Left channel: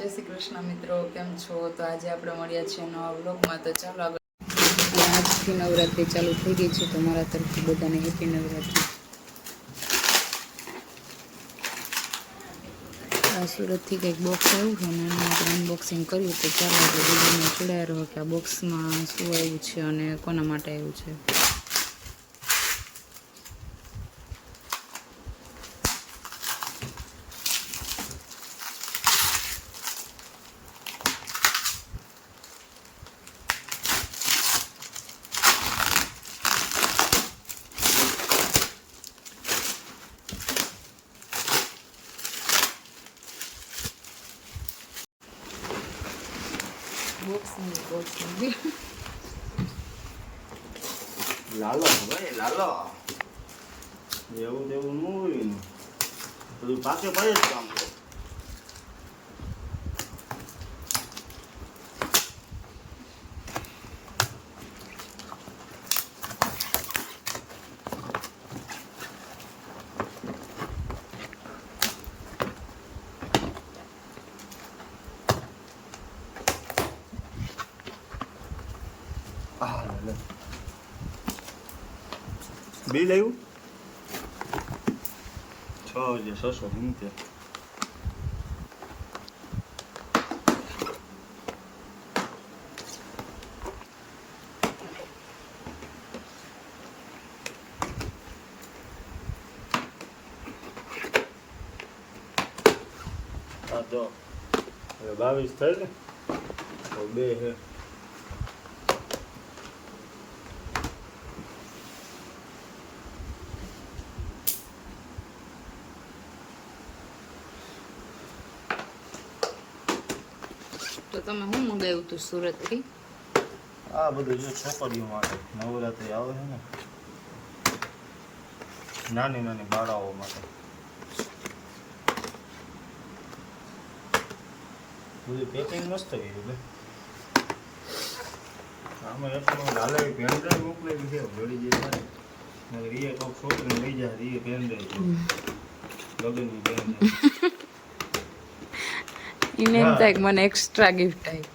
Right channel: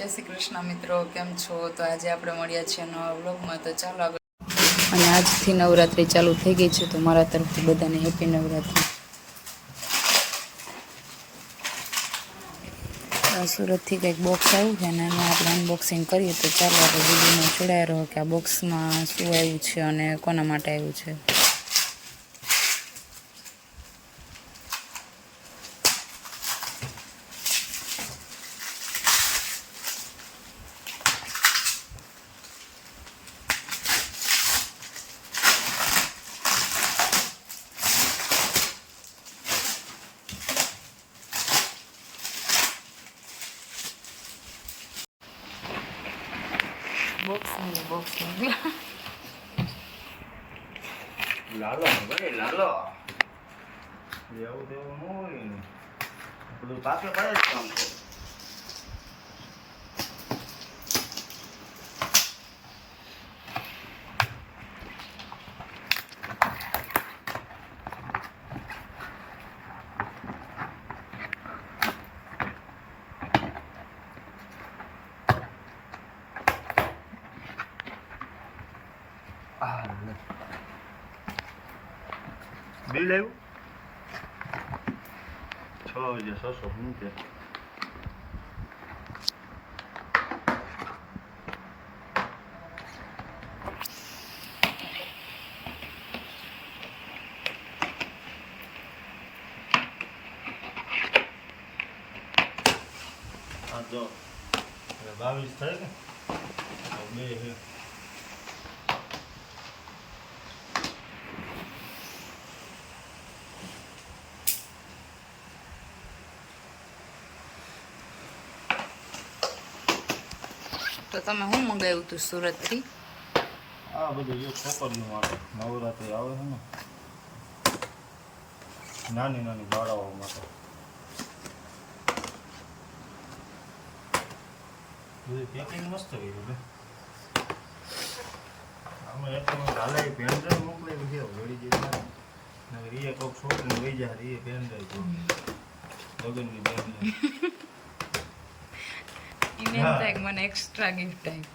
જય શ્રી કૃષ્ણ મિત્રો, કેમ છો? તો આજે આપણે મળ્યા છીએ નવા વ્લોગમાં. તો ચાલો આગળ. અને આજથી નવરાત્રિ ચાલુ થઈ ગઈ છે, તો મારા તરફથી બધાને હેપી નવરાત્રિ. સુરતથી કંઈક બોક્સ આવ્યું છે ને એનું આપણે અનબોક્સિંગ કરીએ. તો ચાલો આપણે વિડીયોને જોડાયા રહો કે આ બોક્સમાં શું આવ્યું છે અને કોના માટે આવ્યું છે. બોક્સ લાલો ભાઈ લાલો એવું તેવું ન હોય ને બધું પાકે પાડે જ કામ કરે. બિલ આવ્યું 6,670. આ જો 22 થાય ને તો 2 છે. તો તમે શું મંગાવ્યું હતું સુરતથી? આ બધું જો છોકરીઓ માટે નવરાત્રી આવે છે ને, નાની નાની બાળાઓ માટે બધું પેકિંગ મસ્ત કર્યું છે. આમાં એટલું હાલે પેનડ્રાઈવ મોકલેલી છે ઘડી જે થાય રીએ કોઈક છોકરીને લઈ જાય રીએ પેનડ્રાઈવ લગ્નની પેનડ્રાઈવ એને એમ થાય કે મને એક્સ્ટ્રા ગિફ્ટ આવી.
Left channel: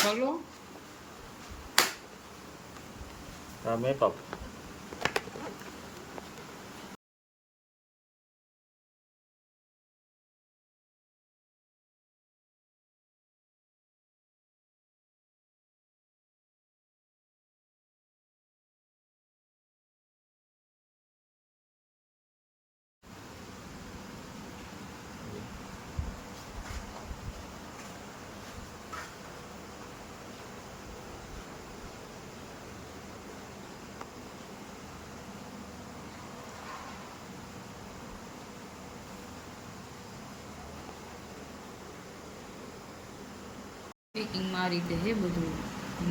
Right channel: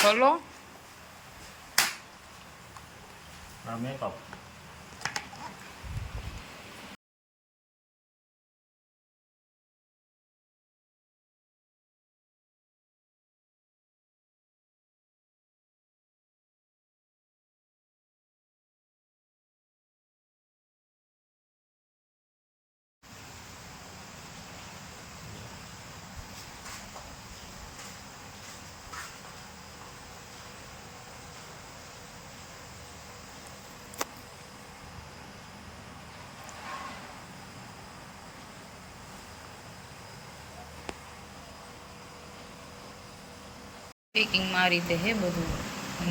ખોલો. મેકઅપ પેકિંગમાં આ રીતે હે બધું.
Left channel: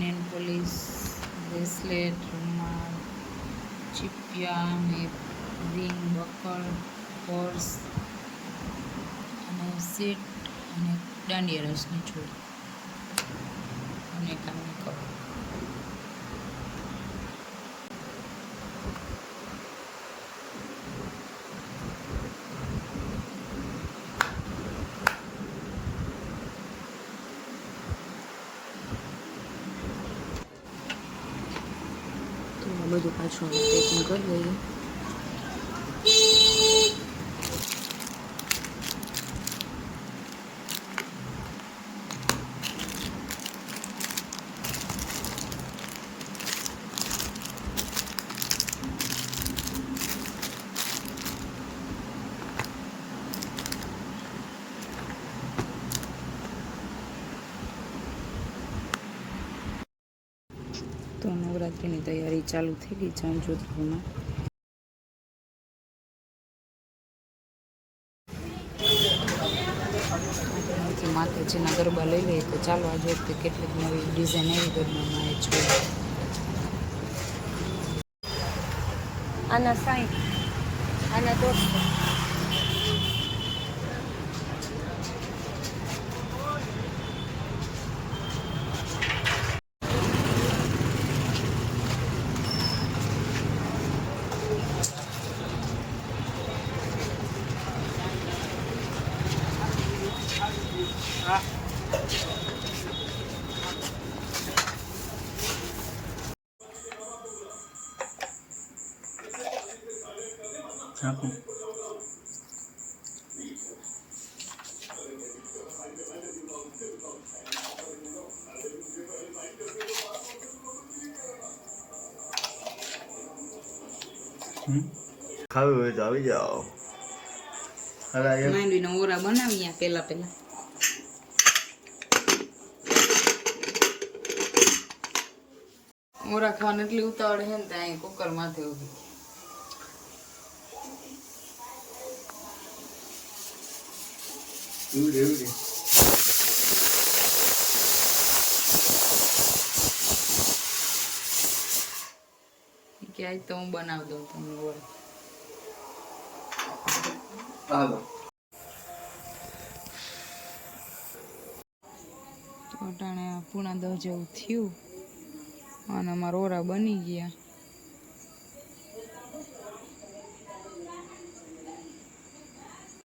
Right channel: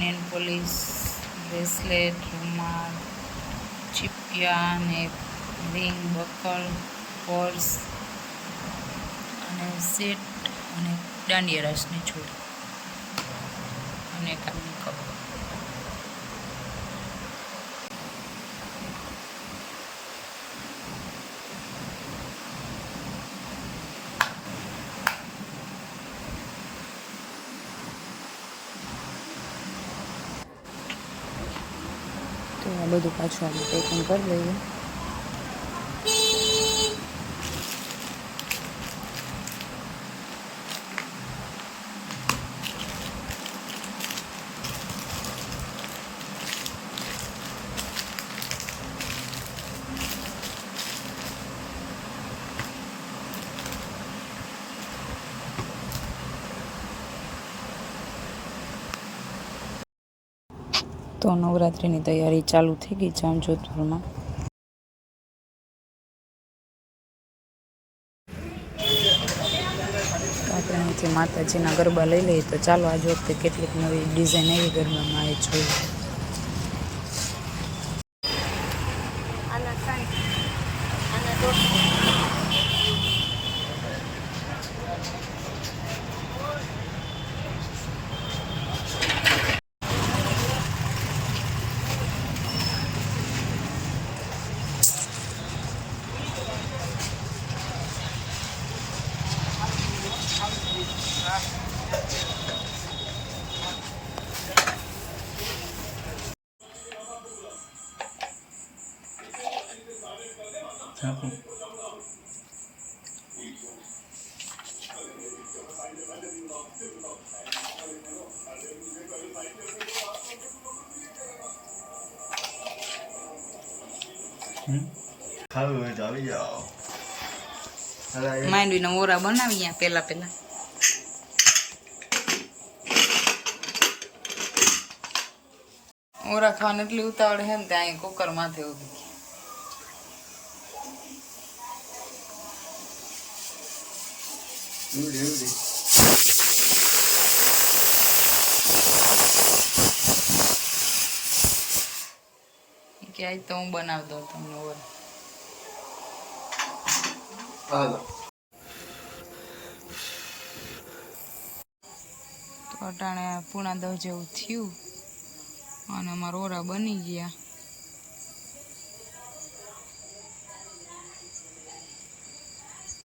નેલ પોલિશ, બ્રેસલેટ, રૂમાલ, ચીપિયા ને રિંગ, બકલ, પર્સ અને સેટ અને દાંડિયા રાસની છોડી અને કામની કપ. તો આ બધું પાછું આપણે પેકિંગ કરી દઈએ. તો નવરાત્રિની તૈયારી ચાલુ થઈ ગઈ છે જોધપુરમાં. આપણે અહીંથી માતાજીના ગરબા લઈ લઈએ. તો ચાલો આજ વખતે કેટલીક નવી ડિઝાઇન એવી ગરબામાં એ જોઈએ. આના 60, આના 150. આપું ખાવું હોય તો આવી જાઓ. માંડવીના ઓરા બનાવી ગયા પેલા ઓરા ખાવાનું એટલી ઉતાવળ હે ને ત્યાં કુકર માથે ઉભી કે આજ તો હું બનાવી દઉં તમને ઓરા. તો અટાણે પૂણા 10 જેવું થયું અને અમારા ઓરા બની ગયા.